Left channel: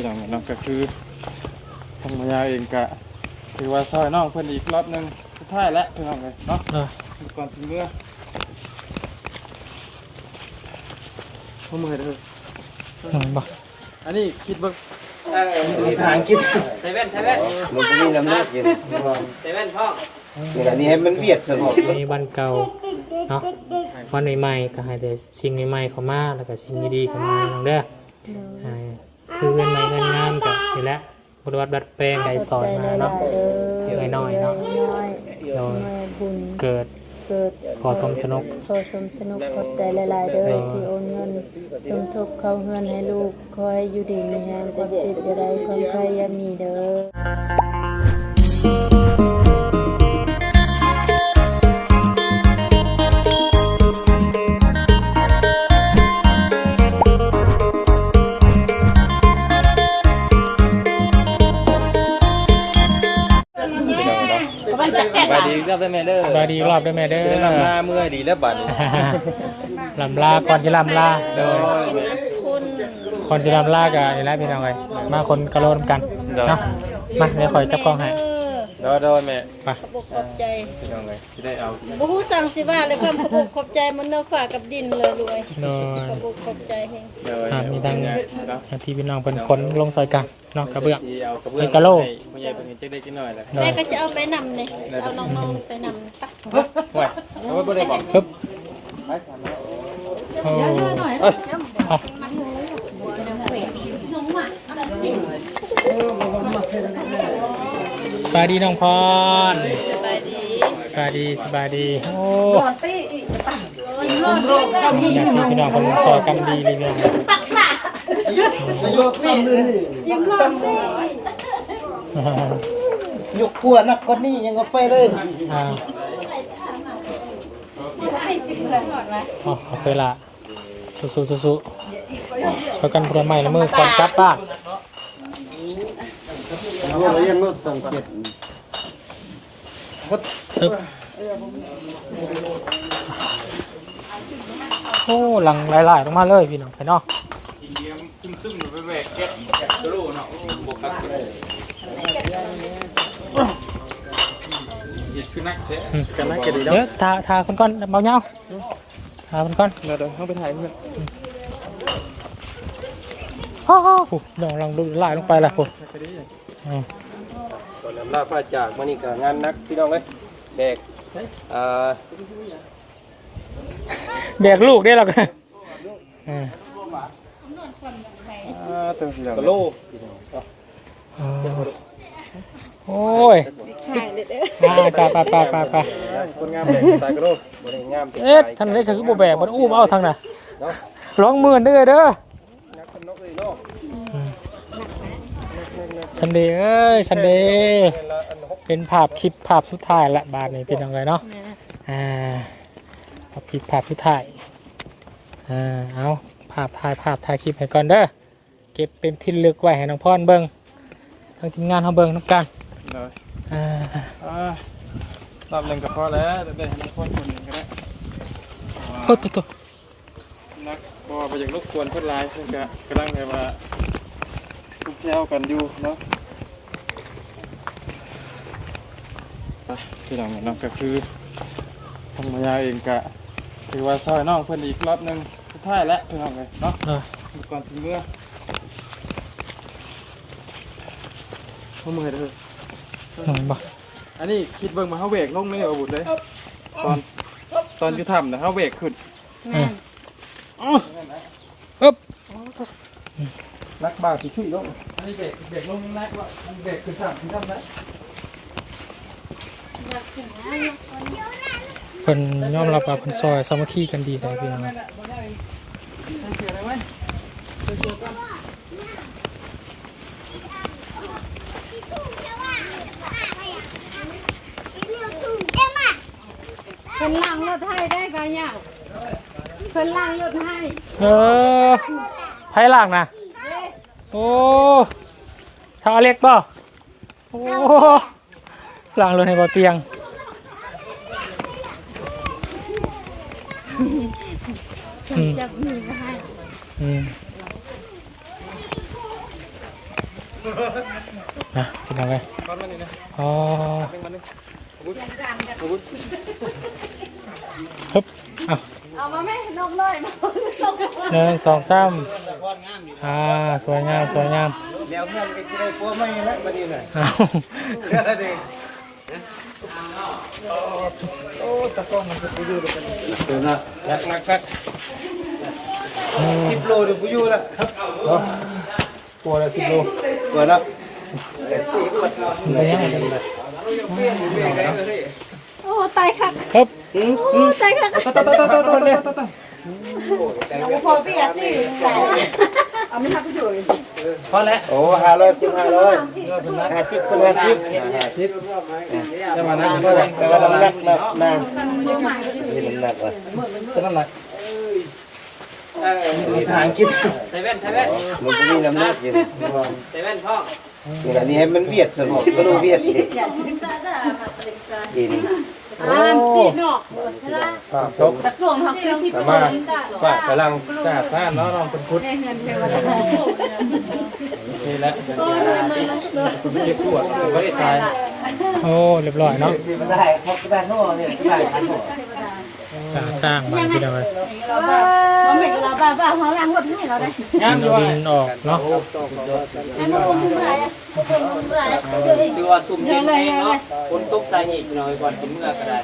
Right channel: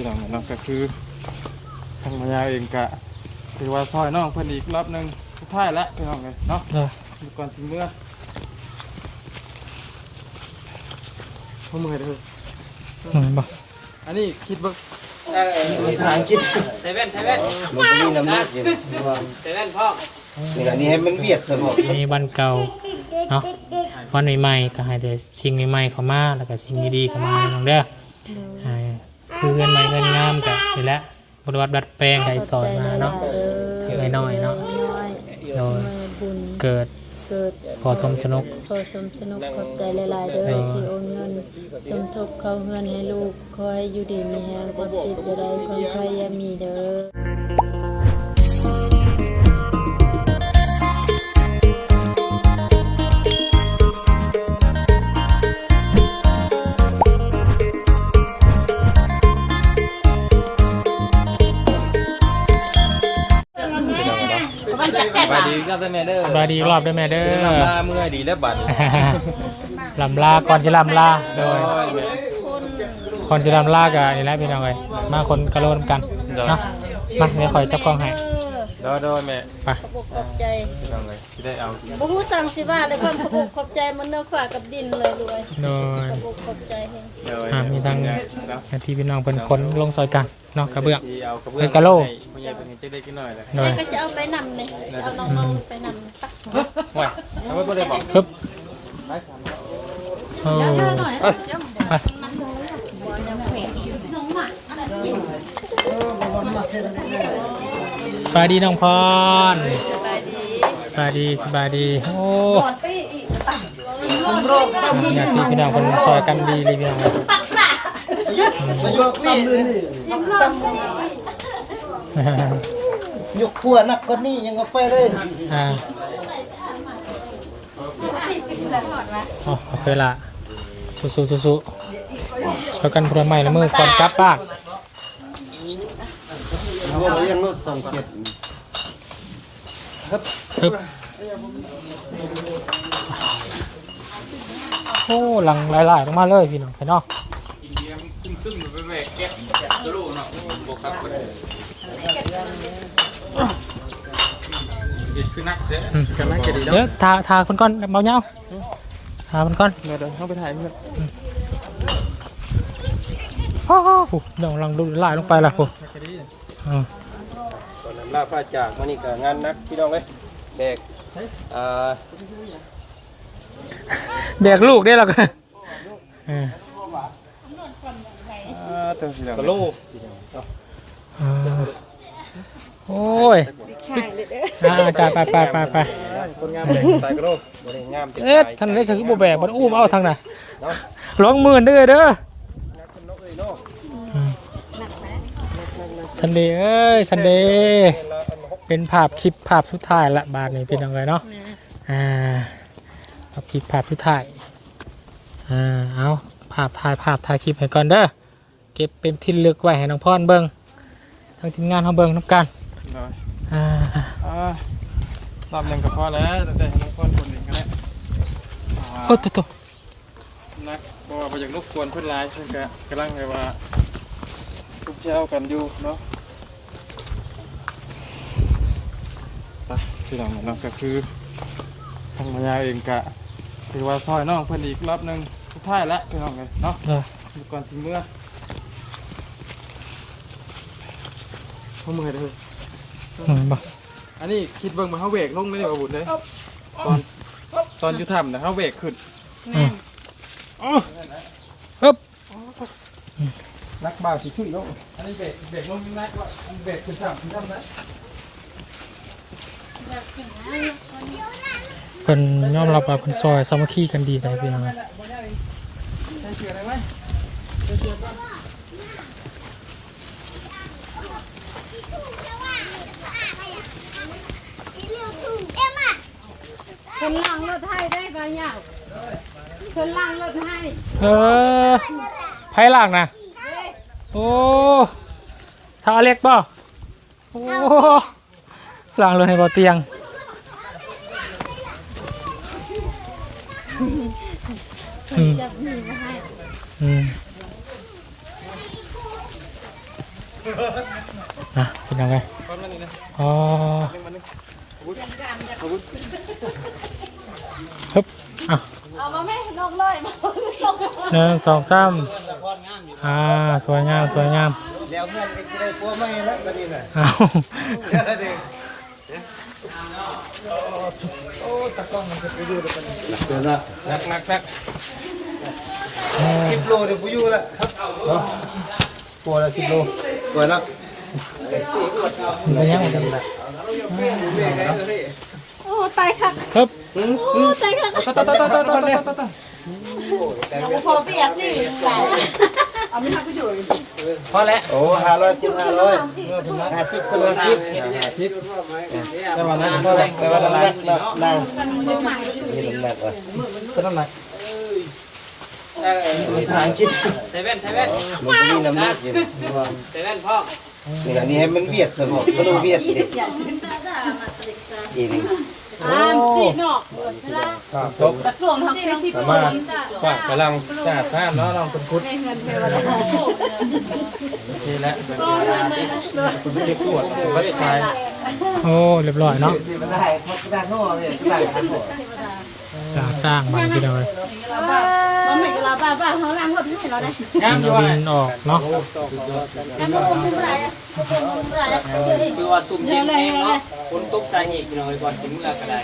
ที่หลังเนาะก็คือทางมายาเองกะถือว่าซอยน้องเพิ่นอีกรอบนึงสุดท้ายแล้วพี่น้องเลยเนาะก่อนสิเมื่อมือเลยบ่อันนี้คิดเบิ่งภาษาอังกฤษเซเว่นมันไม่น้ำหนักอยู่เซเว่นพ่ออันนี้ให้มันเวียดสงบมีวันเก่าเนาะวันใหม่ๆก็ให้แต่สิ่งใหม่ๆเข้ามาแล้วก็สิ่งดีๆเข้ามาเด้อคือเงินใหม่เงินงามกันนี่แหละปฏิวัติดัดแปลงให้สอนมาเนาะถือไว้หน่อยนาะเราเกิดขอสมสนุกขอบใจหลายๆเด้อที่โอนเงินสมทบเข้าเงินให้ลูกคอยอยู่ดีมีแรงความเจ็บจะได้ความไข้ยามีเด้อสบายดีรอบด้วยแม่เด้อ ลำลาเมื่อยดีแล้วบัด ลำลาก่อนจะลำลาโดยก่อนจะลำลากันนี่แหละพี่น้องไงมาคนกระโดดกันเนาะมาเดี๋ยวคอยจับกล้องให้โดยแม่ไป ขอบใจ พี่น้องเลยได้เอาบ่ฮู้สั่งสิว่าเลยความขอบใจมันเนื้อฝากกับดินเลยด้วยขอบใจมีทางที่พี่น้องเป็นคนลงซอยกันเนาะกระเบื้องเลยกระโหลกแม่ก็จะเอาไปนำเลยเอาน้องๆไปนำไปฮึบสบายดีน้องพรสบายดีโอ้อยากที่พี่น้องคนซอยกันดีเลยเนี่ยยกขั้วนักก็นี่ยังเอาไปเลยโอเคละสู้ช่วยกันพลังใหม่นะมือก่อนกลับบ้านโอ้หลังหลายๆลงมาเลยพี่น้องไปเนาะเดี๋ยวทาคนก้อนเบาเนาะทาคนก้อนเดี๋ยวเข้าไปถ่ายมันเดี๋ยวลังดูลายลงไปละผมลาป้าจากมานี่กับงานนักพี่น้องไหมแบกลูกได้หรอกลูกโอ้ยไปเอ๊ะทำไรซื้อโบแบบมันอู้มาเอาทางไหนร้องหมื่นได้เลยเด้อสันดีเอ้ยสันดีเป็นภาพคลิปภาพสุดท้ายละบาทนี้เป็นยังไงเนาะภาพคลิปภาพสุดท้ายเอาภาพถ่ายคลิปให้ก่อนเด้อเก็บเป็นที่ลึกไว้ให้น้องพรเบิ้งทางทีมงานเขาเบิ้งน้ำกันรอบเล่นกับพ่อแล้วแต่น้องพ่อคนหนึ่งก็ได้โอ้ตัวนักพอไปจากรบกวนเพื่อนไลน์เพื่อนกำลังเลยว่าทุกเช้ากันอยู่เนาะไปที่หลังเนาะก็คือทางมายาเองกะถือว่าซอยน้องเพิ่นอีกรอบนึงสุดท้ายแล้วพี่น้องเลยเนาะก่อนสิเมื่อมือเลยบ่อันนี้คิดเบิ่งมาเขาเบรกลงเลยเอาบุญเลยตอนที่ทำนะเขาเบรกขึ้นนักบาสิช่วยลงอันนี้เบรกลงนักว่าเบรกคือทำนะเป็นย่อมรับว่าเป็นซอยซ้ำขี้กันดีได้เป็นเป็นล่างรถให้ได้กันยังเป็นล่างรถให้ไผ่ล่างนะโอ้ทางเล็กป่ะโอ้ล่างเลยในบ่อเตียง เป็นยังไงอ๋อฮึบอ่ะ เอามาแม่นกเลยนะ 1 2 3สวยงามสวยงาม แล้วเพื่อนก็จะได้พวกไม่แล้วประเด็นน่ะ เอา เรื่องอะไรเดี๋ยวนะ นัก 10 โลเดี๋ยวกูอยู่ละครับตัวละ10 โลตัวละ เป็นยังไง โอ้ตายค่ะ ฮึบ โอ้ตายค่ะพอพี่อาร์ตี้เอาไปทักไปดู พอแล้ว โอ้500คูณ500 50คูณ50แต่ว่าน้ำหนักนี่น้ำหนักว่ะ นั่นแหละ มีทางคิดมันก็มีน้ำหนักอยู่นี่ให้มันเวียดสมองก็ต้องเวียดอีกทีนึง สีนอกใช่ไหม จบ ตะกลวงทำเป็นสิบ สา ค มารถ น ฝากกำลังจ้าท่านเนาะลองเป็นพุทธนี่แหละเป็นเก็บปวดเราไม่ได้ตาย โอ้เรียบร้อยเนาะ ไม่ได้เขาได้ห่อเนี่ยได้อันห่อ สร้างมันไปเลย มันไม่กระบาเขาล้างหมดให้เราได้ งามด้วยออกเนาะ มันไม่คุ้มไรคุ้มไร ชื่อว่าซุ่มยิงเองเนาะคนตกสายหยิกหน่อยก่อนถึงเมื่อก็ได้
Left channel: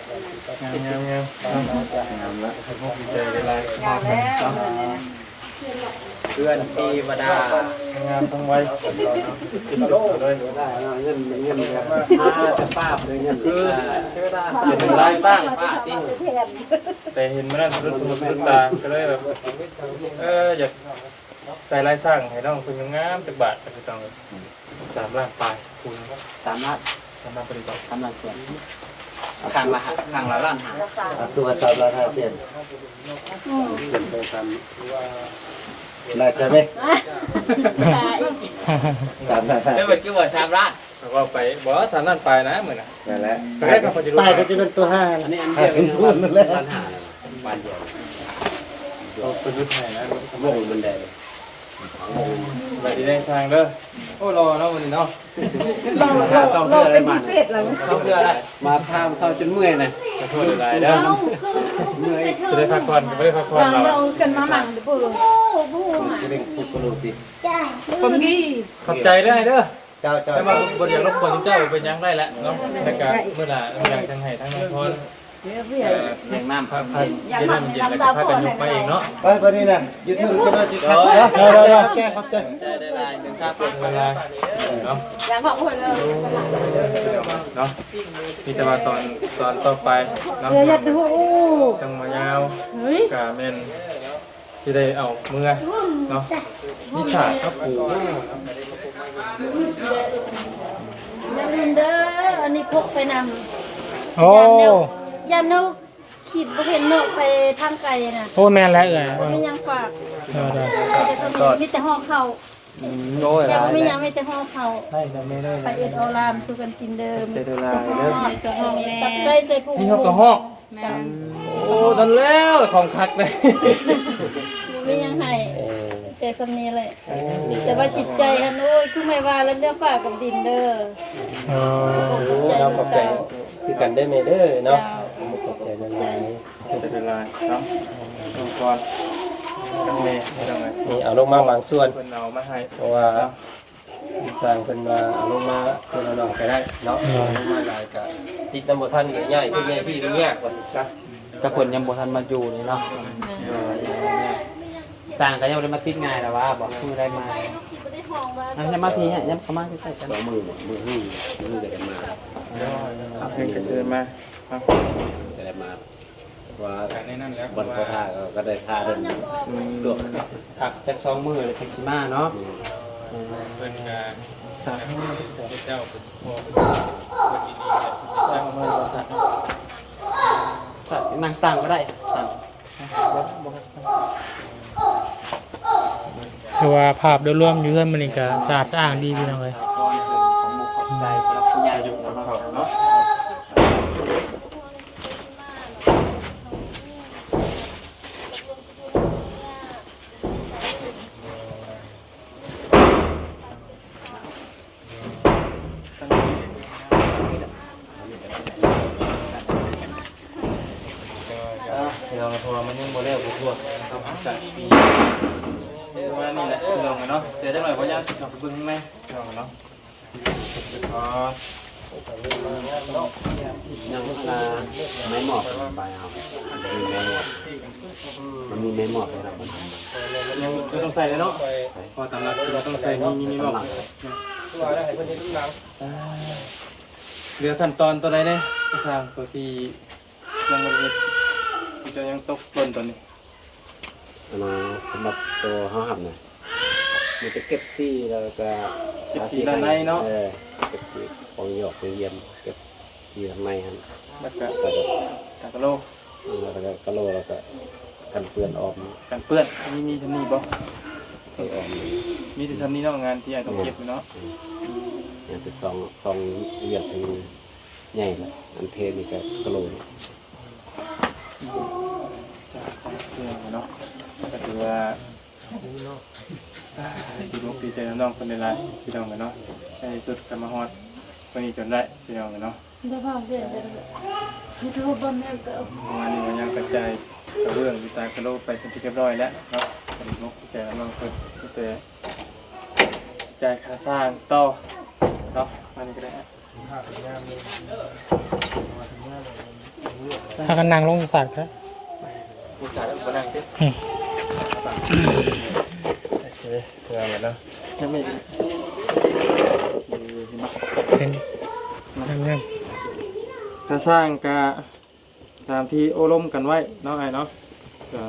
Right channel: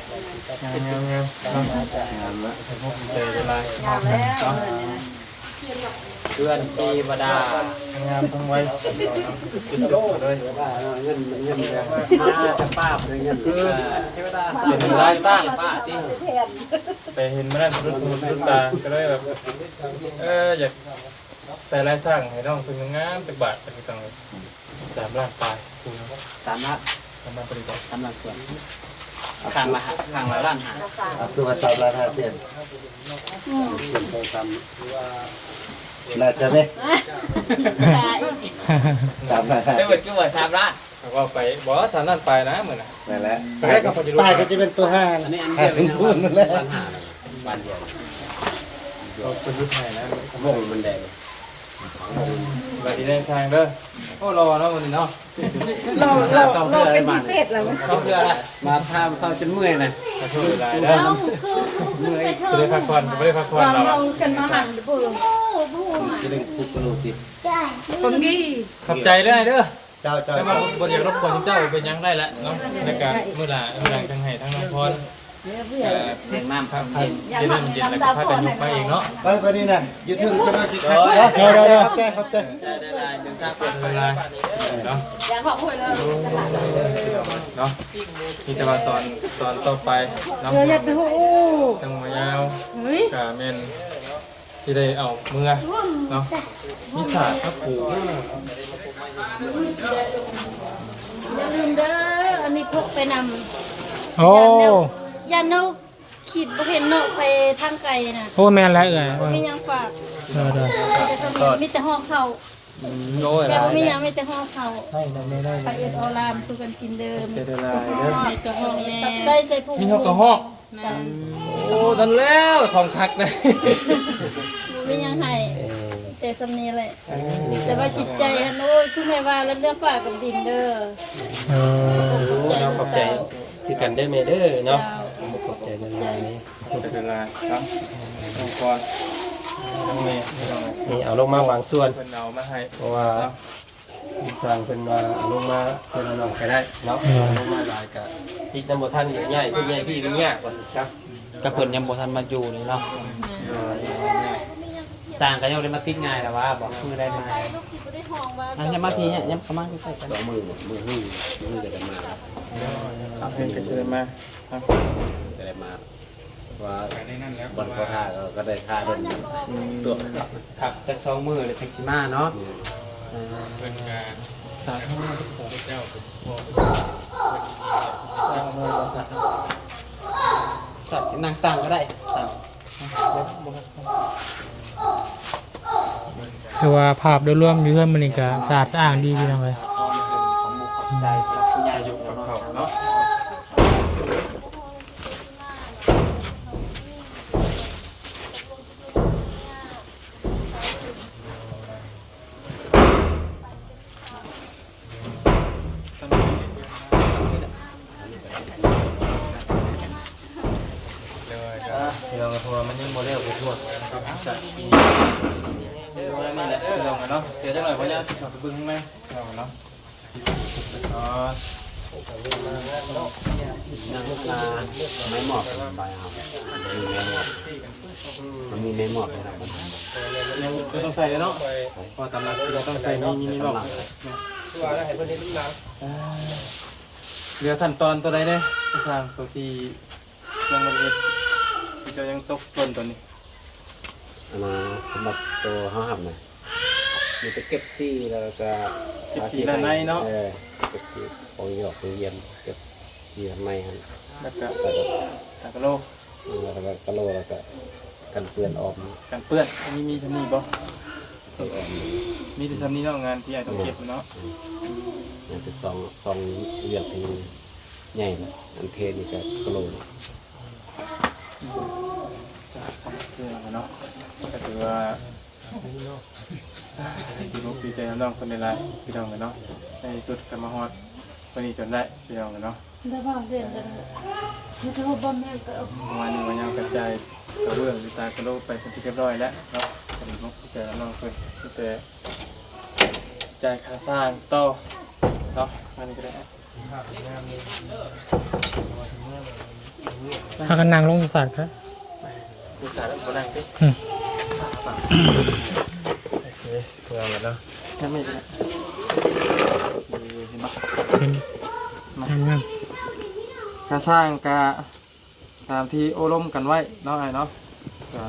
ใจเวลา เดือนปีวดาง ามทั้งไว้กินโลกเลย ป้าเป็นเงินคือ เห็น ไร ร้าย บ้างป้าที่ แต่เห็นไม่ได้ทุกตาก็เลยแบบอยากใส่ลายสร้างให้น้องคุณงามตึกบาทเป็นตัง3 ล้านปลายคุณ สามนัด สามารถเป็นต่อ สามนัดส่วนข้างละล้านหา ตัว3 ล้าน 5 เซนน่าจะได้3 ล้าน ได้ 5 เมื่อกี้ว่าสามล้าน แล้วก็ไปบอกว่า3 ล้านปลายนะเหมือนนะ นั่นแหละป้ายก็จะเป็นตัว5 อันนี้อันนี้เป็น 5 นั่นแหละ ล้านหาบ้านเดียว เราเป็นยุคไหนนะ ลงบันไดเลย มาดีได้สร้างเด้อโอ้รอเนาะมันเนาะ เราเป็นพิเศษเลยเขาเดือมาทำเศร้าจนเมื่อยนะ ขอโทษหลายเด้อจะได้พักผ่อนไม่ได้พักผ่อนเรา เรากันมาหันปืนโอ้โห จะได้คุกโลกิ คนนี้ ขอบใจเด้อเด้อ เจ้า แต่ว่าบนอย่างรบกวนเจ้าเป็นยังได้แล้วเนาะในการเมื่อไหร่ทั้งให้ทั้งน้องพร แรงน้ำครับ พักจะนั่นเย็นแล้วก็พากันยกไปเองเนาะ ไปนี่นะยูทูบก็มาจิคัดครับแก ใจได้ลายถึงตาสุด เวลาเนาะ อยากขอบคุณเลย เนาะมีแต่ว่าตอนต่อไปเนาะ เดี๋ยวจะหู ตั้งมายาว เฮ้ย กาเมนที่ได้เอาเมื่อเนาะมิสาก็ปู เด้ออันนี้พกไปนำ โอ้ ยันนกขีดบ่เห็นนกไปทางไกลน่ะ โอ้แม่นไรเอ่ย มียังฝาก ได้ มีแต่ห้องเขา โดย แต่ ลาย ไม่ยังมีแต่ห้องเขา ได้ไม่ได้ ไปเอ็ดออลามสู่กันกินเดิม เจตนาเด้อ ไปกับห้องแม่ได้ใส่ผู้ ที่เขาก็ห้องโอ้ดันแล้วของคักเลย มียังให้แต่สำเนียงเลยแต่ว่าจิตใจฮันโอ้ยคือไม่ว่าแล้วเนี่ยฝากกับดินเด้อขอบใจ ที่กันได้ไหมเด้อเนาะ เจ้า ขอบใจนาน เจตนาครับน้องก่อนน้องเมย์น้องเมย์ นี่เอาลงมาบางส่วน เป็นเอามาให้ เพราะว่าสั่งเป็นมาเอาลงมาเป็นน้องไปได้เนาะมาหลายกันติดน้ำบุท่านง่ายๆพี่ง่ายพี่ดูยากกว่าครับ แต่คนยังบ่ทันมาอยู่นี่เนาะต่างกันยังได้มาติดง่ายแต่ว่าบอกคุยได้มายังจะมาพี่เนี่ยยังประมาณนี้ใส่กัน เอาเพลงกระเทียมมา ได้มาว่า จากในนั่นแล้ว วันโคทาก็ได้ทาด้วยตัวขับจากสองมือถึงสิมาเนาะ เป็นการสายให้เจ้าเป็นพ่อเป็นเจ้ามา ตัดนั่งตั้งก็ได้ตั้ง คือว่าภาพโดยรวมอยู่เรื่องมันนี่ก็สะอาดสะอ้างดีพี่น้องเลยได้ อยู่กับเขาเนาะ จากปีวันนี้แหละลงเนาะเดี๋ยวจะหน่อยเพราะยังขับไปเบิ้งไหมลงเนาะอ๋อ ยังเวลาไม่เหมาะมันมีไม่เหมาะเลยนะ ต้องใส่เลยเนาะพอตำลังต้องใส่มีบอกเรือขั้นตอนตัวใดเนี่ยทางตัวที่ยังไม่ได้จะยังตกต้นตอนนี้ มาหมดตัวห้ามนะมันจะเก็บซี่แล้วก็เก็บซี่ของหยอกของเยี่ยมเก็บซี่ทำไมฮะ แล้วก็กระโล แล้วก็กะโหลแล้วก็กันเปื้อนออกมา กันเปื้อนอันนี้มีชั้นนี้บ่มีแต่ชั้นนี้เนาะงานที่ไอ้ต้องเก็บเนาะ เนี่ยเป็นสองเยี่ยมเป็นใหญ่แล้วอันเทนี่ก็กะโหล จะเนาะก็ถือว่าพี่ลูกพี่เจ้าน้องคนนี้ละพี่น้องกันเนาะไอ้สุดกรรมฮอดคนนี้จนได้พี่น้องกันเนาะ ได้พ่อเดือนแล้วที่เขาพ่อแม่ก็ มาถึงยังกระจายเรื่องตากระโดดไปสักทีเรียบร้อยแล้วเนาะลูกพี่เจ้าน้องคนจะจ่ายค่าสร้างต่อเนาะมันก็ได้ ถ้ากันนั่งลงอยู่สั่นครับ ได้แล้วก็ได้ดิงานเลยเนาะยังไม่ได้ เป็นทำงาน ค่าสร้างกะตามที่โอล้มกันไว้เนาะไอ้เนาะ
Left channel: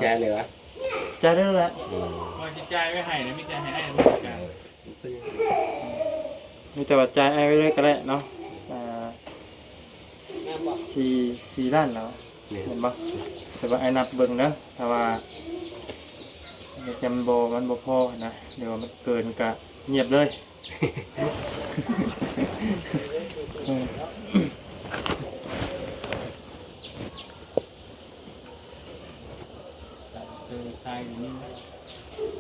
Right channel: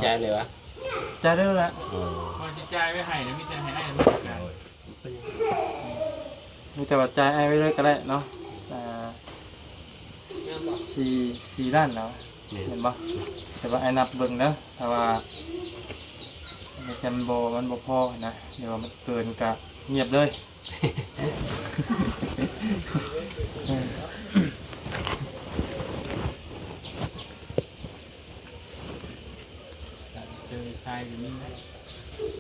แจ้เลยวะ จ่ายได้แล้ว ใจไว้ให้นะมีใจให้ไอ้กัน มีแต่ว่าจ่ายไอ้ไว้เลยก็ได้เนาะสี่ด้านแล้วเห็นปะแต่ว่าไอ้นับเบิ่งนะแต่ว่าเป็นโบกันโบพอนะเดี๋ยวมันเกินกะเงียบเลย เป็นใจอย่างนี้นะ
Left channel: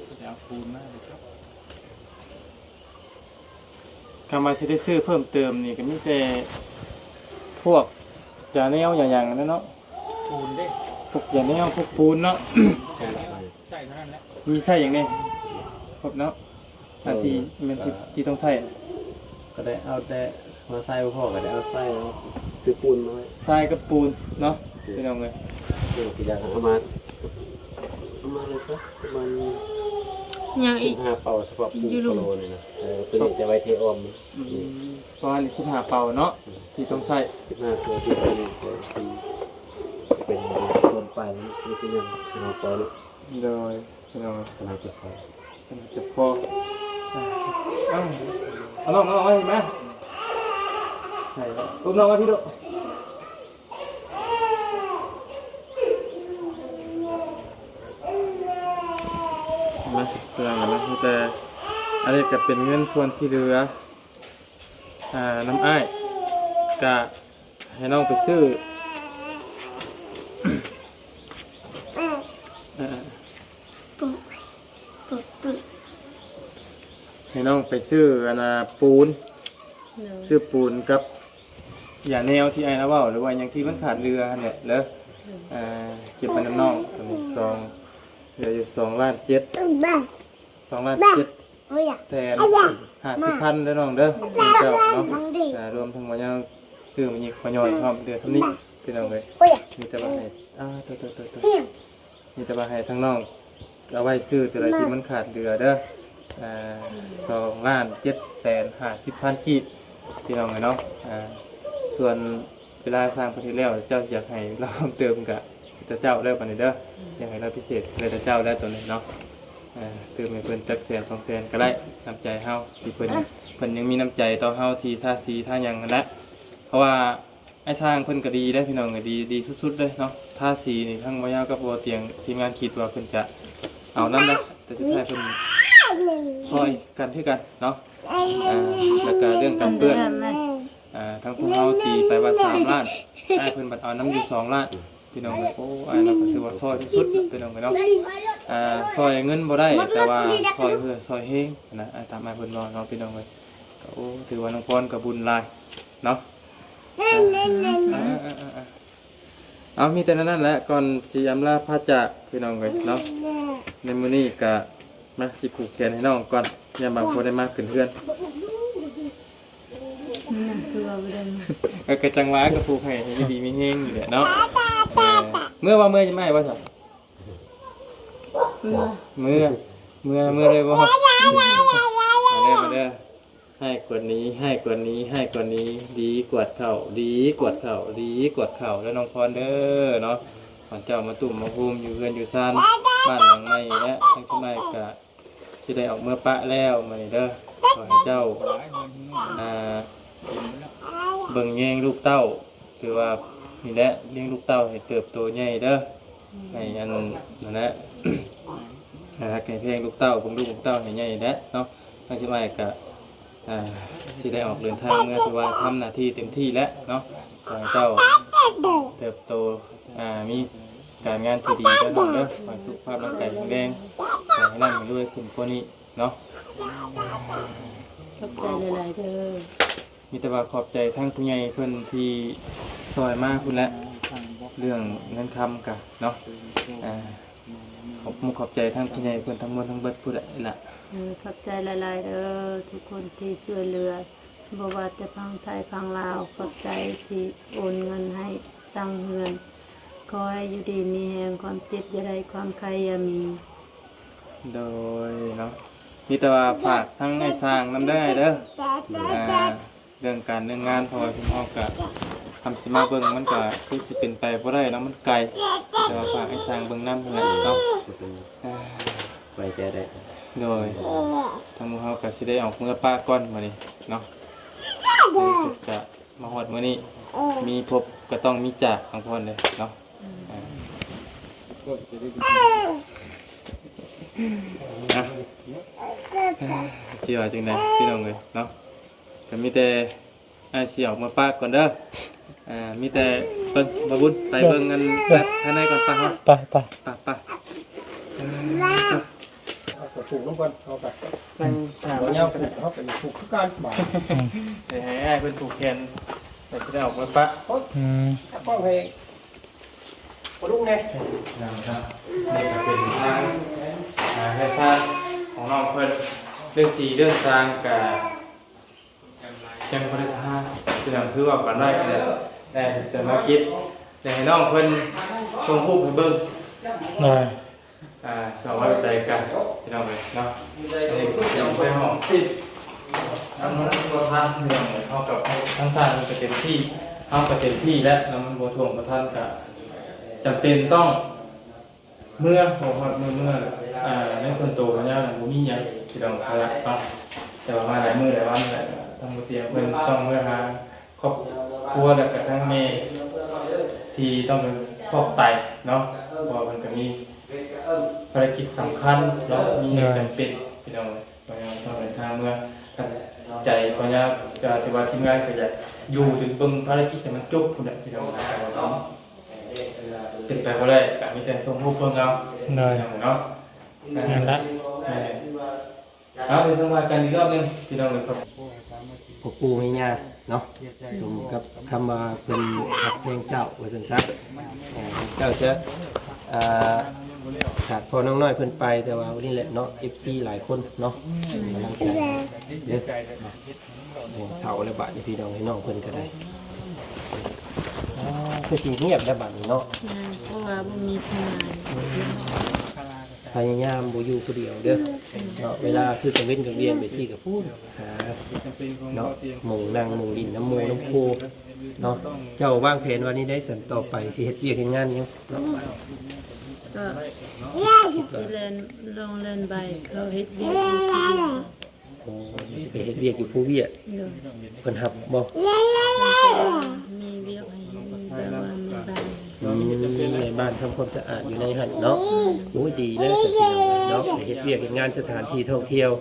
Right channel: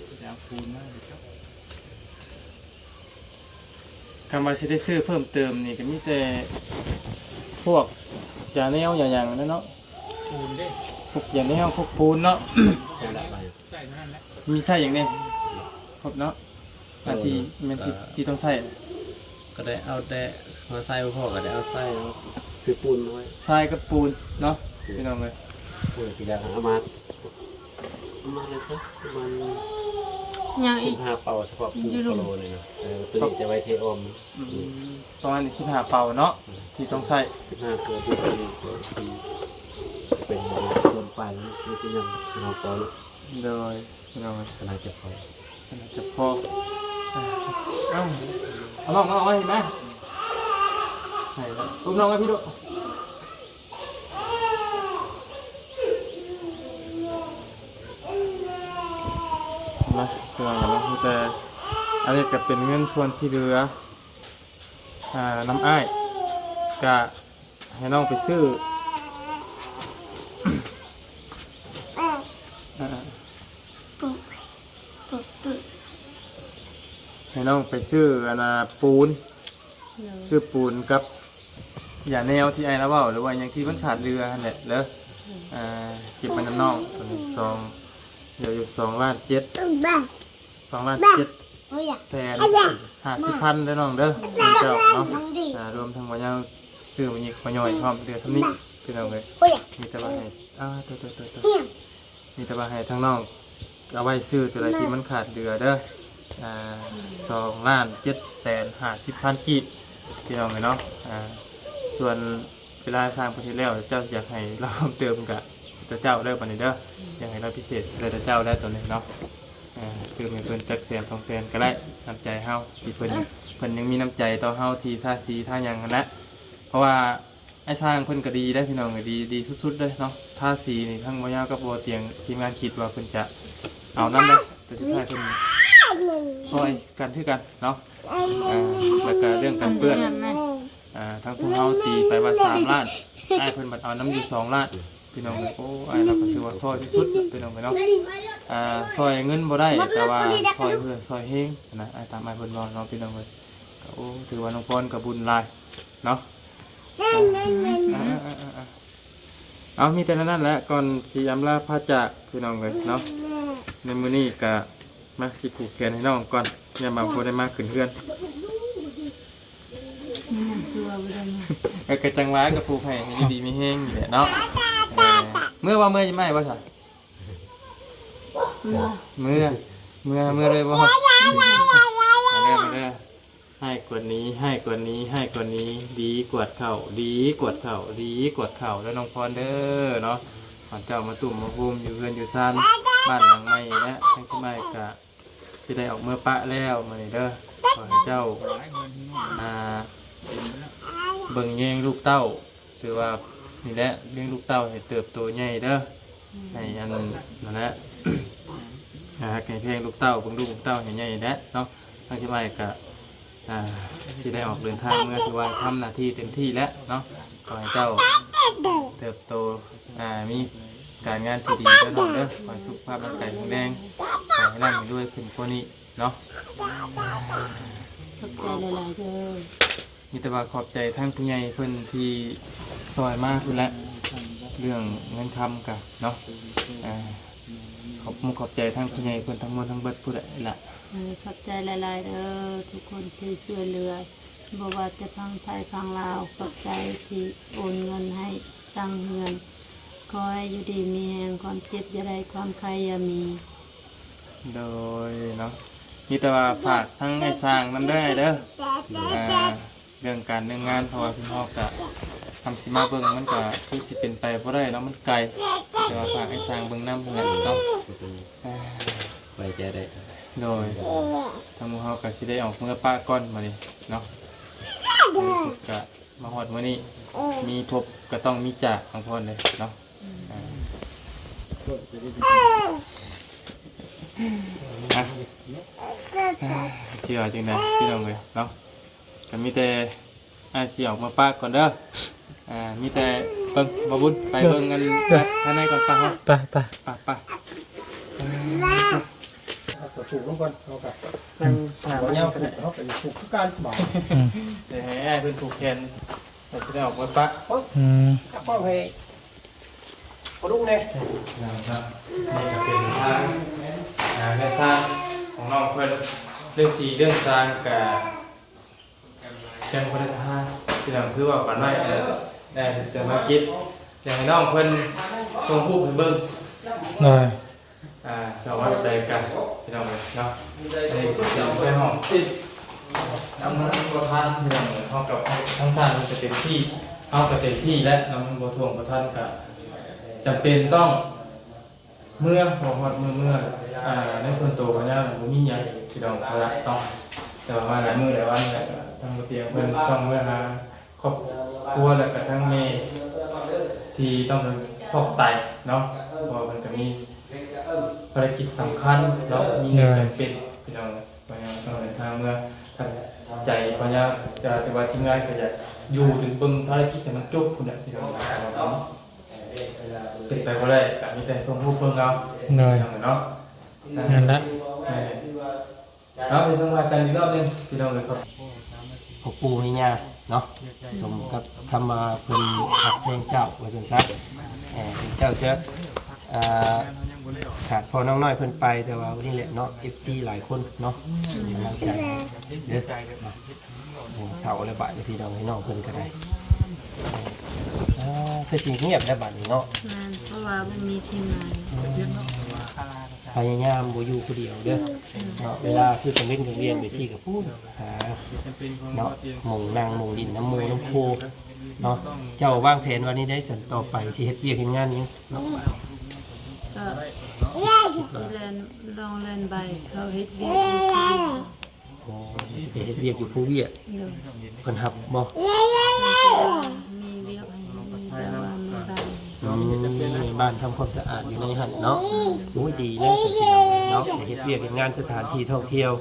จะเอาฟูมากเลยครับ คำว่าจะได้ซื้อเพิ่มเติมนี่ก็มีแต่พวกอย่างนี้เอาอย่างนั่นเนาะ ปูนได้ พวกอย่างนี้เอาพวกปูนเนาะ ใส่นั่นแหละ มีไส้อย่างนี้ครบเนาะอันที่มันที่ต้องใส่ ก็ได้เอาแต่มาใส่พ่อก็ได้เอาใส่ซื้อปูนน้อย ทรายกับปูนเนาะพี่น้องเลย พี่จะเอามาเลยสักมัน ยังอีก 15 เป่าเฉพาะปูโลเลยนะตัวนี้จะไว้ที่ออม ประมาณ15 เป่าเนาะที่ต้องใส่ 15 ตัวที่ตัวนี้เป็นโดนปลายนี่คือยังเราพอแล้ว เลยพี่น้อง กำลังจะพอ จะพอเอาลองไว้ไหมไหนตุ้มลองไว้พี่ลูกมาเพื่อแต่อันนี้ก็เป็นเงินส่วนที่เหลือน้ำอ้ายจะให้น้องไปซื้อให้น้องไปซื้อปูนซื้อปูนกับอย่างแนวที่ไอ้แล้วว่าหรือว่าอย่างที่มันขาดเรือเนี่ยแล้วเก็บไปน้ำน้องตัวนี้เดี๋ยวอยู่2,700,000 2,700,000 แสน50,000ได้น้องเด้อเจ้าเนาะรวมทั้งหมดยังซื้อมันยีขย่อยพร้อมเดือนเท่านี้พี่น้องเลยมีแต่ว่าให้ตัวมีแต่ว่าให้ทั้งน้องเอาไว้ซื้อตัวอะไรที่มันขาดเดือเด้อ2,750,000 กีบพี่น้องเลยเนาะส่วนเวลาสร้างประเทศแล้วเจ้าอยากให้เราเติมกับเจ้าได้ปานนี้เด้อยังไงเราพิเศษเลยเจ้าได้ตัวนี้เนาะคือให้เพิ่นตักเสียของแฟนก็ได้น้ำใจเฮาที่เพิ่นยังมีน้ำใจต่อเฮาที่ท่าสีท่าหยังกันนะเพราะว่าไอ้สร้างเพิ่นก็ดีได้พี่น้องก็ดีสุดๆเลยเนาะท่าสีนี่ทั้งบ่ยาวกับโอเตียงทีมงานคิดว่าเพิ่นจะเอานำนะแต่สุดท้ายเพิ่นซอยกันคือกันเนาะแล้วก็เรื่องการเปื้อนทั้งพวกเฮาตีไปว่า3 ล้านได้เพิ่นบัดเอาน้ำอยู่2 ล้านพี่น้องโอ้ไอ้เราก็ถือว่าซอยสุดพี่น้องเนาะซอยเงินบ่ได้แต่ว่าซอยเฮงนะตามไอ้เพิ่นบอกน้องพี่น้องเลยโอ้ถือว่าน้องพรกับบุญหลายเนาะ เอามีแต่นั้นแหละก่อนสิอำลาพระจากพี่น้องเลยเนาะในมื้อนี้ก็มาสิผูกแขนให้น้องก่อนอย่ามาบ่ได้มาขึ้นเฮือนก็จังหวะก็ผูกให้อยู่ดีมีแฮงอยู่แหละเนาะเมื่อว่าเมื่อจะไม่บ่ซะเมื่อเลยบ่มาเลยให้กว่านี้ให้กว่านี้ให้กว่านี้ดีกว่าเท่าดีกว่าเท่าดีกว่าเท่าแล้วน้องพรเด้อเนาะขอนเจ้ามาตุ่มมาภูมิอยู่เรือนอยู่ซ่านบ้านหลังใหม่แล้วทั้งที่ไม่กะที่ได้ออกเมื่อปะแล้วมาเด้อขอให้เจ้าเบิ่งแยงลูกเต้าถือว่านี่แหละเลี้ยงลูกเต้าให้เติบโตใหญ่เด้อให้อันนั่นแหละแข่งลูกเต้าเบิ่งลูกเต้าให้ใหญ่แล้วเนาะทั้งที่ไม่กะที่ได้ออกเดินทางเมื่อถือว่าทำหน้าที่เต็มที่แล้วเนาะขอให้เจ้าเติบโตมีการงานที่ดีแล้วเนาะเด้อขอให้สุขภาพร่างกายแข็งแรงขอให้ร่ำรวยขึ้นกว่านี้เนาะ ขอบใจหลายๆเด้อ มีแต่ว่าขอบใจทั้งผู้ใหญ่เพิ่นที่สวยมากพุ่นแหละเรื่องเงินคำกันเนาะขอบใจทั้งผู้ใหญ่เพิ่นทั้งมวลทั้งเบิดพุ่นแหละ ขอบใจหลายๆเด้อทุกคนที่ช่วยเหลือบ่ว่าจะฟังไทยฟังลาวขอบใจที่โอนเงินให้ตั้งเงินขอให้อยู่ดีมีแรงความเจ็บอย่าได้ความใครอย่ามี โดยเนาะมีแต่ว่าฝากทั้งในสร้างนำเด้อเด้อเรื่องการเรื่องงานเพราะว่าที่พ่อกับทำสิมาเบิ่งมันก็คงสิเป็นไปบ่ได้แล้วมันไกลแต่ว่าฝากให้สร้างเบิ่งนำนั่นแหละเนาะ ไว้ใจได้ โดยทางหมู่เฮาก็สิได้ออกเมื่อป้าก่อนมื้อนี้เนาะจะมาฮอดมื้อนี้มีพบก็ต้องมีจากของพ่อเลยเนาะเชื่อจริงนะพี่น้องเลยเนาะก็มีแต่เสี่ยวมาป้าก่อนเด้อมีแต่เบิ่งบ่บุญไปเบิ่งกันข้างในก่อนป้าเนาะ ไป ป้าผูกลงก่อนเอาไปมันเงี้ยวกันเขาไปผูกกันบ่เดี๋ยวให้เพิ่นผูกแขนแต่สิได้ออกมือป้าป้าให้บ่ลุงเด้นะครับนี่ก็เป็นทางแนวทางของน้องเพิ่นเรื่องสีเรื่องทางกับจังบริทานที่เราคือว่าก่อนได้แต่เสริมมาคิดแต่ให้น้องเพิ่นชมผู้ไปเบิ่งสวัสดีกันพี่น้องเลยเนาะนี่จำได้ห้องที่ทำนั้นตัวท่านพี่น้องเท่ากับทั้งสร้างมันจะเต็มที่เท่ากับเต็มที่และนำมันบวทวงประท่านกับจำเป็นต้องเมื่อบอกว่าเมื่อในส่วนตัวของเราผมมีอย่างที่เราเอาละต้องจะมาหลายมือหลายวันแล้วทำเตียงเพื่อนต้องเมื่อหาครอบครัวและกับทั้งเมย์ที่ต้องเป็นครอบไตเนาะเพราะมันจะมีภารกิจสำคัญแล้วมีจำเป็นพี่น้องพยายามต้องเดินทางเมื่อใจพยายามจะแต่ว่าที่ง่ายก็อยากอยู่ถึงปึ้งภารกิจแต่มันจุกคุณพี่น้องเนาะติดไปก็ได้แต่มีแต่ส่งรูปเพิ่มเราเนาะนั่นแหละ เอาไปทำงานกันอีกรอบนึงพี่น้องนะครับ ปกปูไม่ยากเนาะสมกับคำว่าเป็นหักเพลงเจ้าว่าสั้นๆเจ้าจะขาดพอน้องน้อยเพิ่นไปแต่ว่าวันนี้แหละเนาะ FC หลายคนเนาะกำลังใจเด้อหัวเสาและบาดพี่น้องให้น้องเพิ่นก็ได้คือสิเงียบได้บาดนี้เนาะ เพราะว่ามันมีทนาย พยายามบ่อยู่ผู้เดียวเด้อเนาะเวลาคือจะเล่นกับเรียนไปซี่กับผู้หาเนาะหมู่นั่งหมู่ดินน้ำมูน้ำคูเนาะเจ้าวางแผนวันนี้ได้สันต่อไปสิเฮ็ดเวียกเฮ็ดงานหยังเนาะ ก็เล่นลองเล่นใบเขาเฮ็ดเวีย โอ้สิไปเฮ็ดเวียกอยู่ผู้เวียกเพิ่นรับบ่ มีเวียกให้แต่ว่าไม่ได้ ในบ้านทำความสะอาดอยู่ในหั่นเนาะโอ้ดีเลยสักทีเนาะแต่เฮ็ดเวียกเฮ็ดงานสถานที่ท่องเที่ยว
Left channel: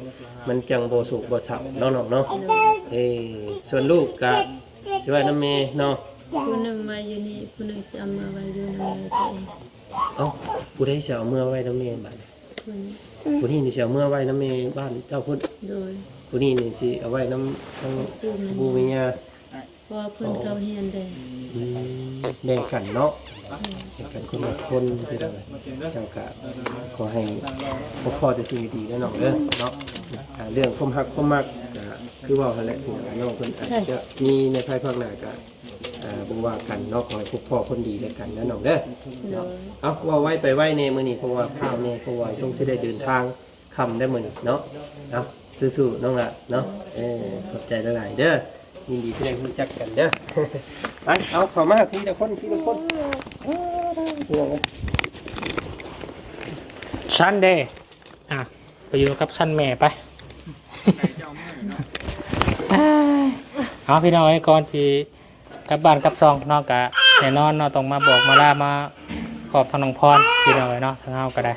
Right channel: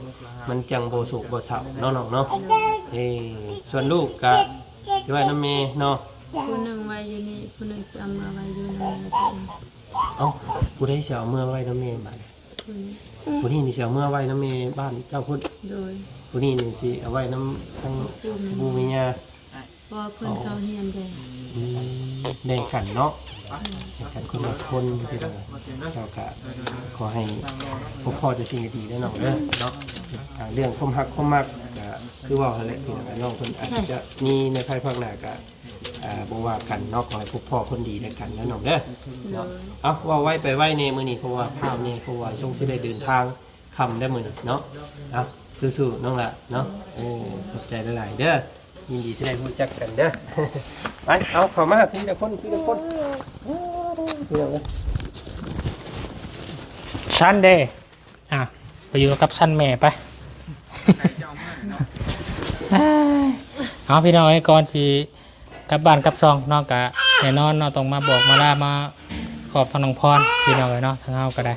มันจังบ่สุขบ่เศร้าเนาะเนาะส่วนลูกก็สิว่าน้ำแม่เนาะ ผู้หนึ่งไว้อยู่นี่ผู้หนึ่งจะเอามาไว้อยู่ในตัวเอง เอ้าผู้ใดสิเอาเมื่อไว้น้ำแม่บ้านผู้นี้นี่สิเอาเมื่อไว้น้ำแม่บ้านเจ้าพุ่น โดย ผู้นี้นี่สิเอาไว้น้ำผู้เมีย เพราะว่าเพิ่นเขาเฮียนเด้ แบ่งกันเนาะแบ่งกันคนละคนพี่น้องเจ้าก็ขอให้พ่อได้สิ่งดีๆแน่นอนเด้อเนาะเรื่องความฮักความมักก็คือว่าอะไรพี่น้องเพิ่นอาจจะมีในภายภาคหน้าก็บ่ว่ากันเนาะขอให้พวกพ่อคนดีด้วยกันแน่นอนเด้อเอาว่าไว้ไปไว้ในมื้อนี้เพราะว่าข้าวนี่เพราะว่าช่วงสิได้เดินทางค่ำได้มื้อนี้เนาะเอาสู้ๆน้องละเนาะขอบใจหลายๆเด้อยินดีที่ได้รู้จักกันเด้อ ไปเอาเข้ามาทีละคนทีละคน ซันเดย์ไปอยู่กับซันแม่ไป เอาพี่น้องไอ้ก่อนสิกลับบ้านกลับซองนอกกะแต่นอนเราต้องมาบอกมาลามาขอบทางน้องพรพี่น้องเลยเนาะทางเอาก็ได้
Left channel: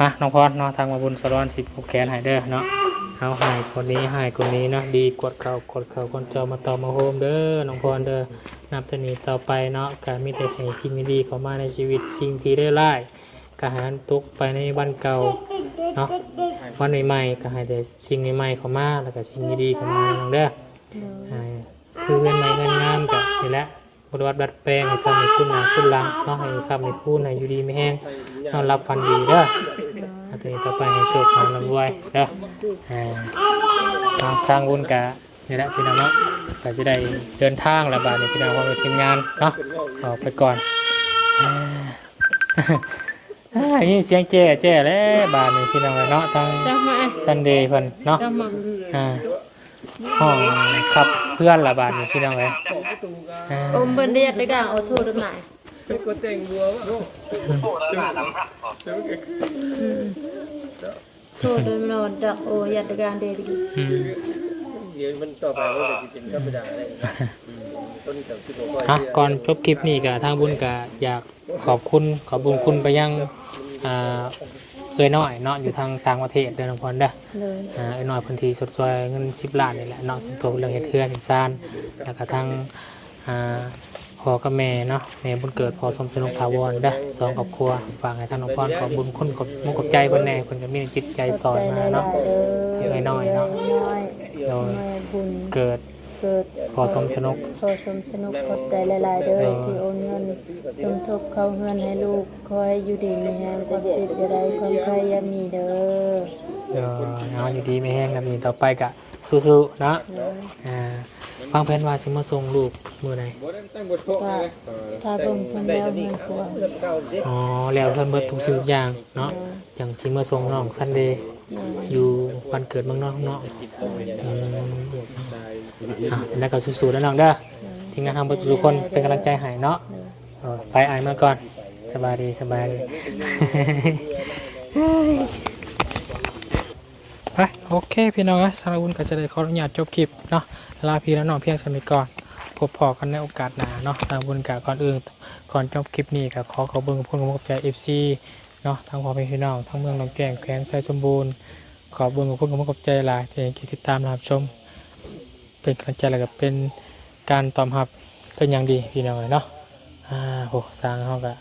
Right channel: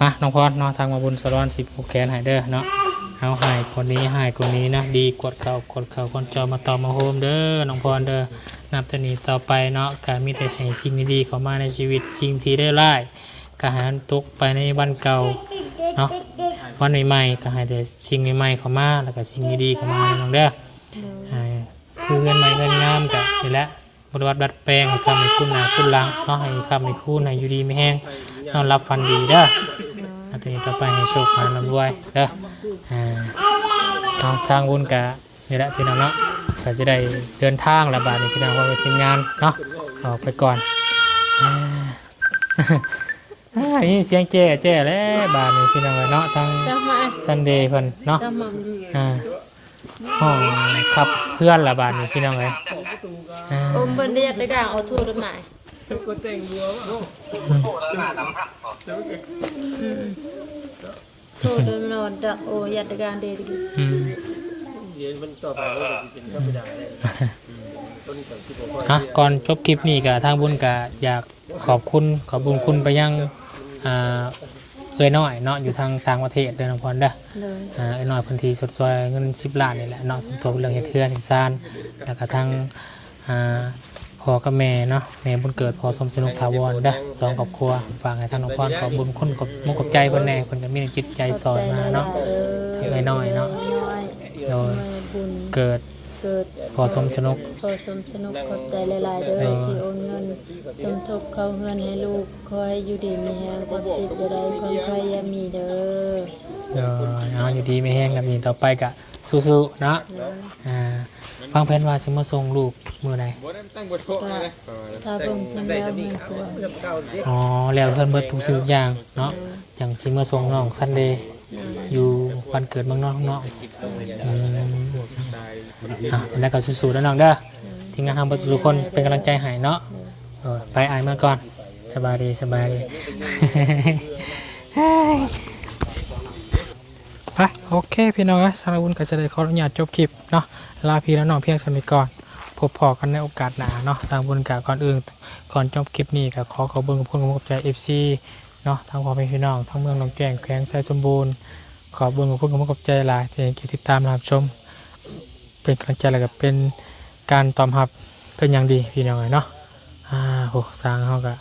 มาน้องพรเนาะทางมาบุญสรอนสิบผูกแขนหายเด้อเนาะเอาหายคนนี้หายคนนี้เนาะดีกดเขาคนจอมาต่อมาโฮมเด้อน้องพรเด้อนับจากนี้ต่อไปเนาะการมีแต่ให้สิ่งดีๆเข้ามาในชีวิตสิ่งที่ได้ไล่กระหารตกไปในวันเก่าเนาะวันใหม่ๆก็ให้แต่สิ่งใหม่ๆเข้ามาแล้วก็สิ่งดีๆเข้ามาน้องเด้อคือเงินใหม่เงินงามกับนี่แหละบริวัติบัดแปลงให้คำให้คุณนะคุณลังเนาะให้คำให้คุณให้อยู่ดีไม่แห้งนอนรับฟันดีเด้อทีนี้ต่อไปให้โชคมาลำรวยเด้อทางบุญกะนี่แหละพี่น้องเนาะเราจะได้เดินทางระบาดในพี่น้องของทีมงานเนาะออกไปก่อนนี่เสียงเจ๊เลยบาดในพี่น้องเนาะทางซันเดย์เพิ่นเนาะห้องครับเพื่อนระบาดในพี่น้องเลยอมเพิ่นเรียกได้ด่างเอาโทษหน่อยโทษนอนดักโอยัดการเดดีก่อนจบคลิปนี้กับทางบุญกะอยากขอบบุญคุณไปยังเคยน้อยเนาะอยู่ทางต่างประเทศเดินพรเด้อไอ้น้อยพื้นที่สดสวยเงิน10 ล้านนี่แหละน้องสมทบเรื่องเทือนซานแล้วก็ทางพ่อกับแม่เนาะแม่บุญเกิดพ่อสมสนุกถาวรเด้อสอนครอบครัวฝากให้ทางน้องพรขอบบุญคุณขอบมุกขอบใจเพิ่นแน่เพิ่นก็มีจิตใจสอนมาเนาะทางไอ้น้อยเนาะโดยเกิดพอสมสนุกขอบใจหลายๆเด้อที่โอนเงินสมทบเข้าเงินให้ลูกคอยอยู่ดีมีแฮงความเจ็บจะได้ความพยายามมีเด้อเนาะอยู่ดีไม่แห้งแล้วมีต่อไปกะสู้ๆเนาะฟังแผนว่าสิมาส่งลูกมื้อใดถ้าเพิ่นเพิ่นแล้วมีผัวแล้วเพิ่นเบิดทุกสิ่งอย่างเนาะจังสิมาส่งน้องซันเดย์อยู่วันเกิดเมืองนอกเนาะแล้วก็สู้ๆแล้วน้องเด้อทีมงานทำเพื่อทุกคนเป็นกำลังใจให้เนาะไปอ่านเมื่อก่อนสบายดีไปโอเคพี่น้องสำหรับวันก็จะได้ขออนุญาตจบคลิปเนาะลาพี่และน้องเพียงสมิก่อนพบพอกันในโอกาสหน้าเนาะทางบุญกะก่อนอื่นก่อนจบคลิปนี้ก็ขอบุญกับคุณมุกใจ FC เนาะทางพ่อแม่พี่น้องทั้งเมืองหนองแก่งแขวงไซสมบูรณ์ขอบุญกับคุณมุกใจหลายที่ติดตามรับชมเป็นกำลังใจอะไรกับเป็นการตอบรับเป็นอย่างดีพี่น้องเนาะโหสร้างเขาก็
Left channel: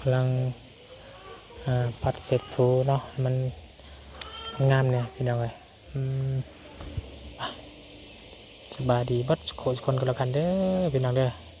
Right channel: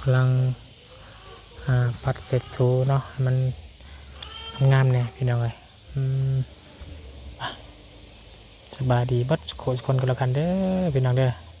กำลังปัดเสร็จถูเนาะมันงามเลยพี่น้องเลยสบายดีบัดโคสคนกันแล้วกันเด้อพี่น้องเด้อ